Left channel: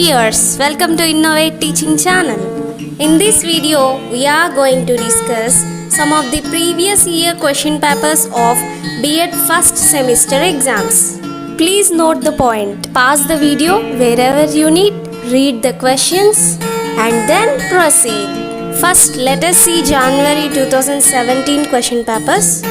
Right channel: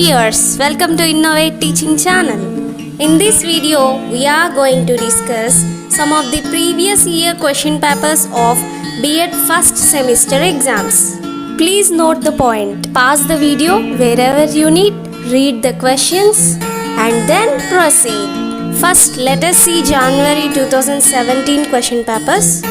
viewers, welcome to Innovate Teaching Channel. In this video, we are going to discuss some of the previous year question papers of B.Ed first semester exams. Please note the point, pause the video wherever you need, read the questions and then proceed. First, let us see January 2017 question papers.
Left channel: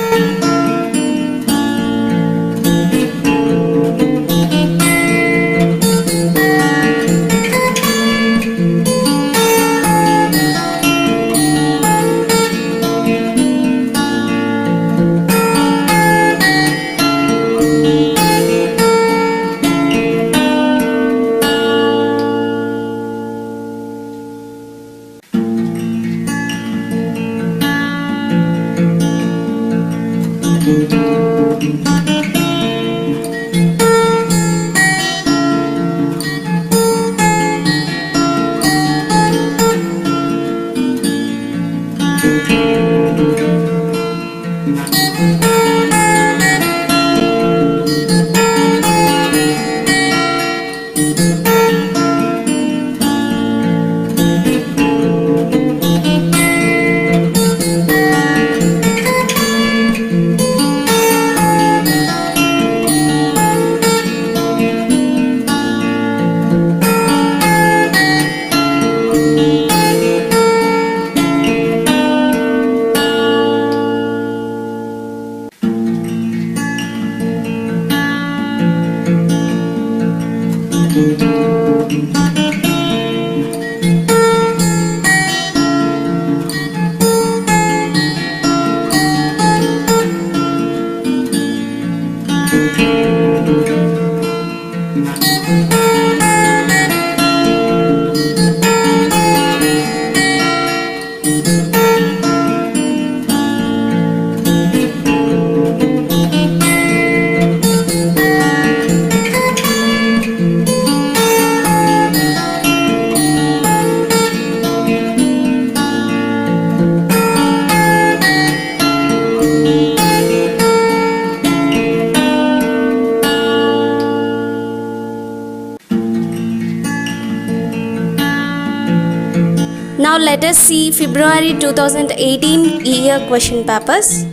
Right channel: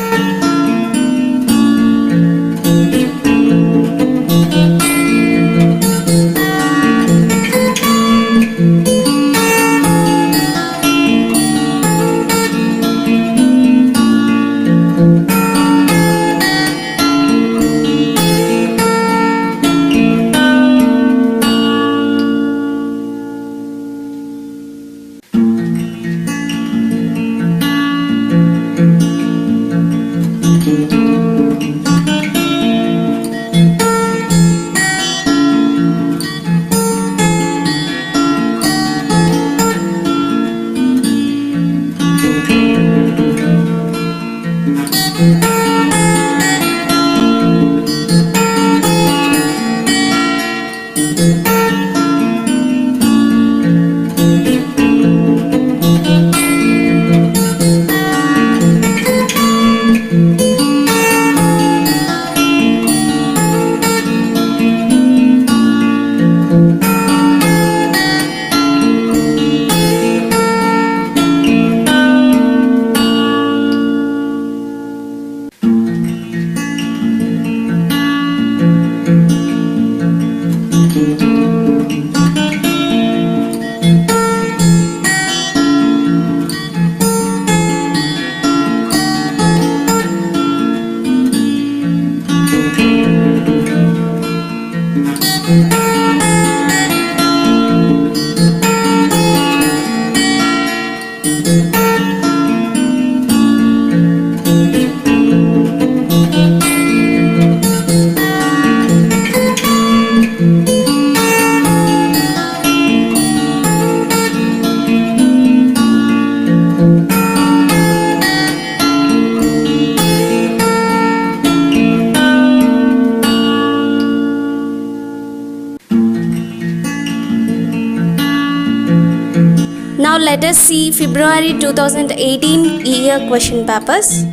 Now let us see February 2018 year question papers.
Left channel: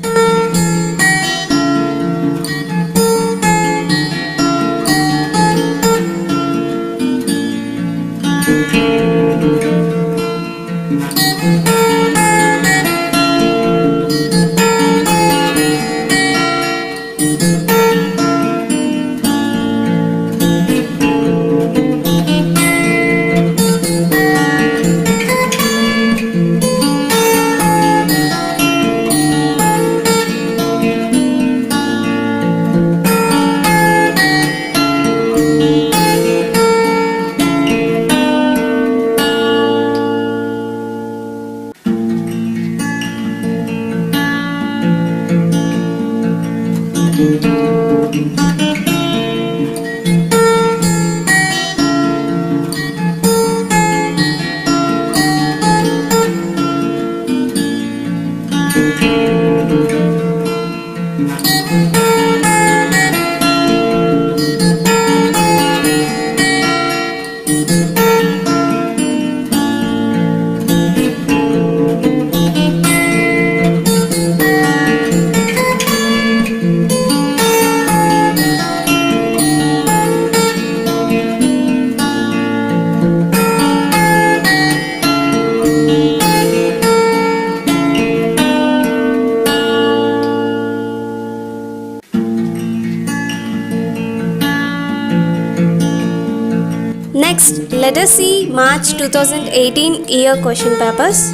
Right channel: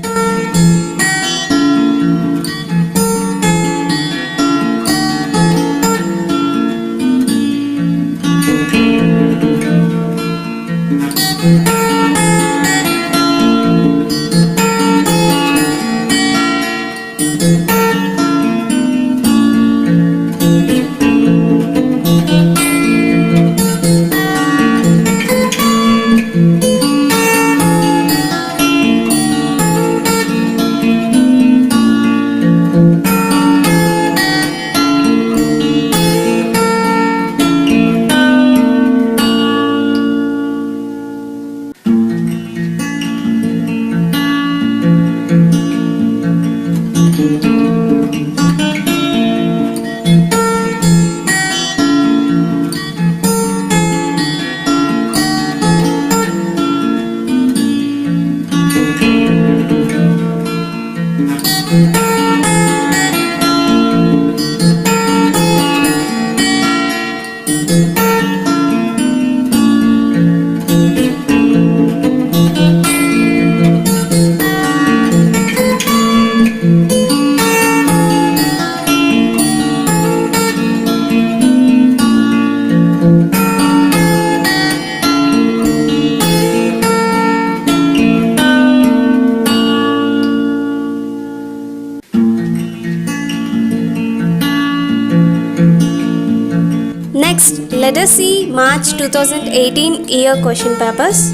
Next, let us see March 2018 year question papers.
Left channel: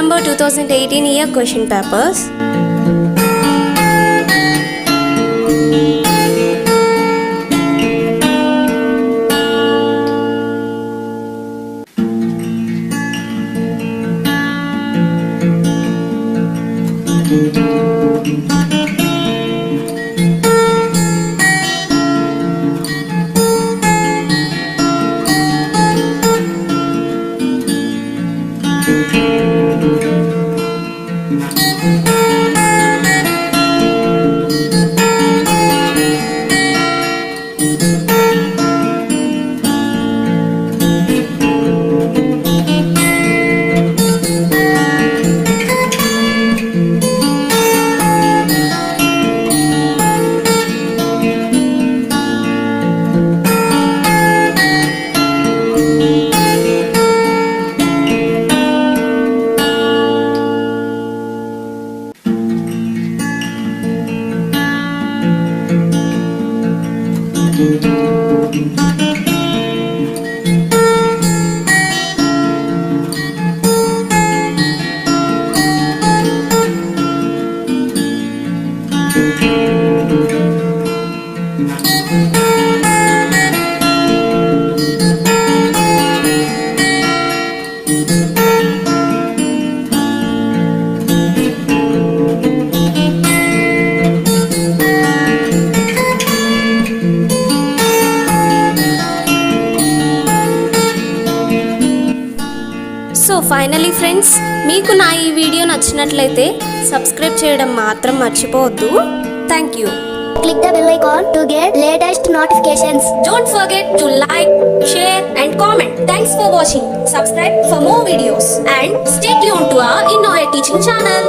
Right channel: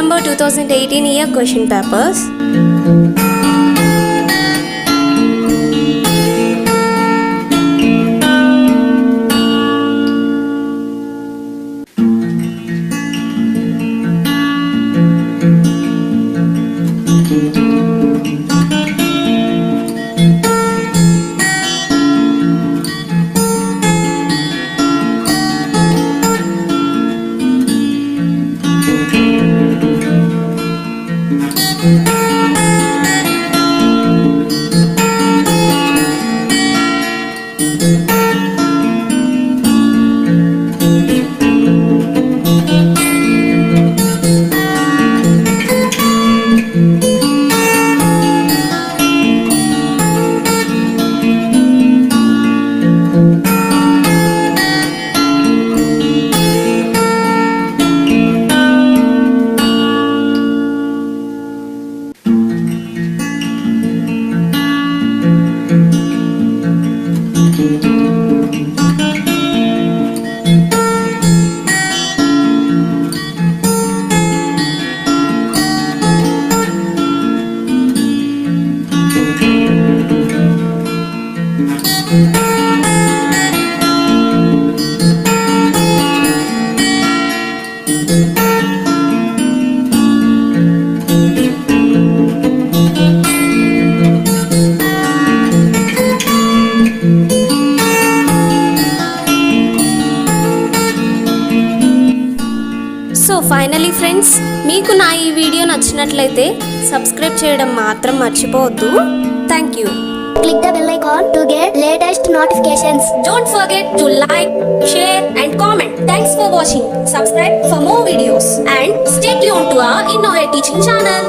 December 2018 year question papers. So finally friends, మీకు నా ఈ video నచ్చినట్లయితే subscribe చేయడం మాత్రం మర్చిపోవద్దు. Thank you. Click the bell icon to get latest notifications. Don't forget to like, share and comment. Thanks for watching. Subscribe for more videos and stay tuned to our INNOVATE teaching channel.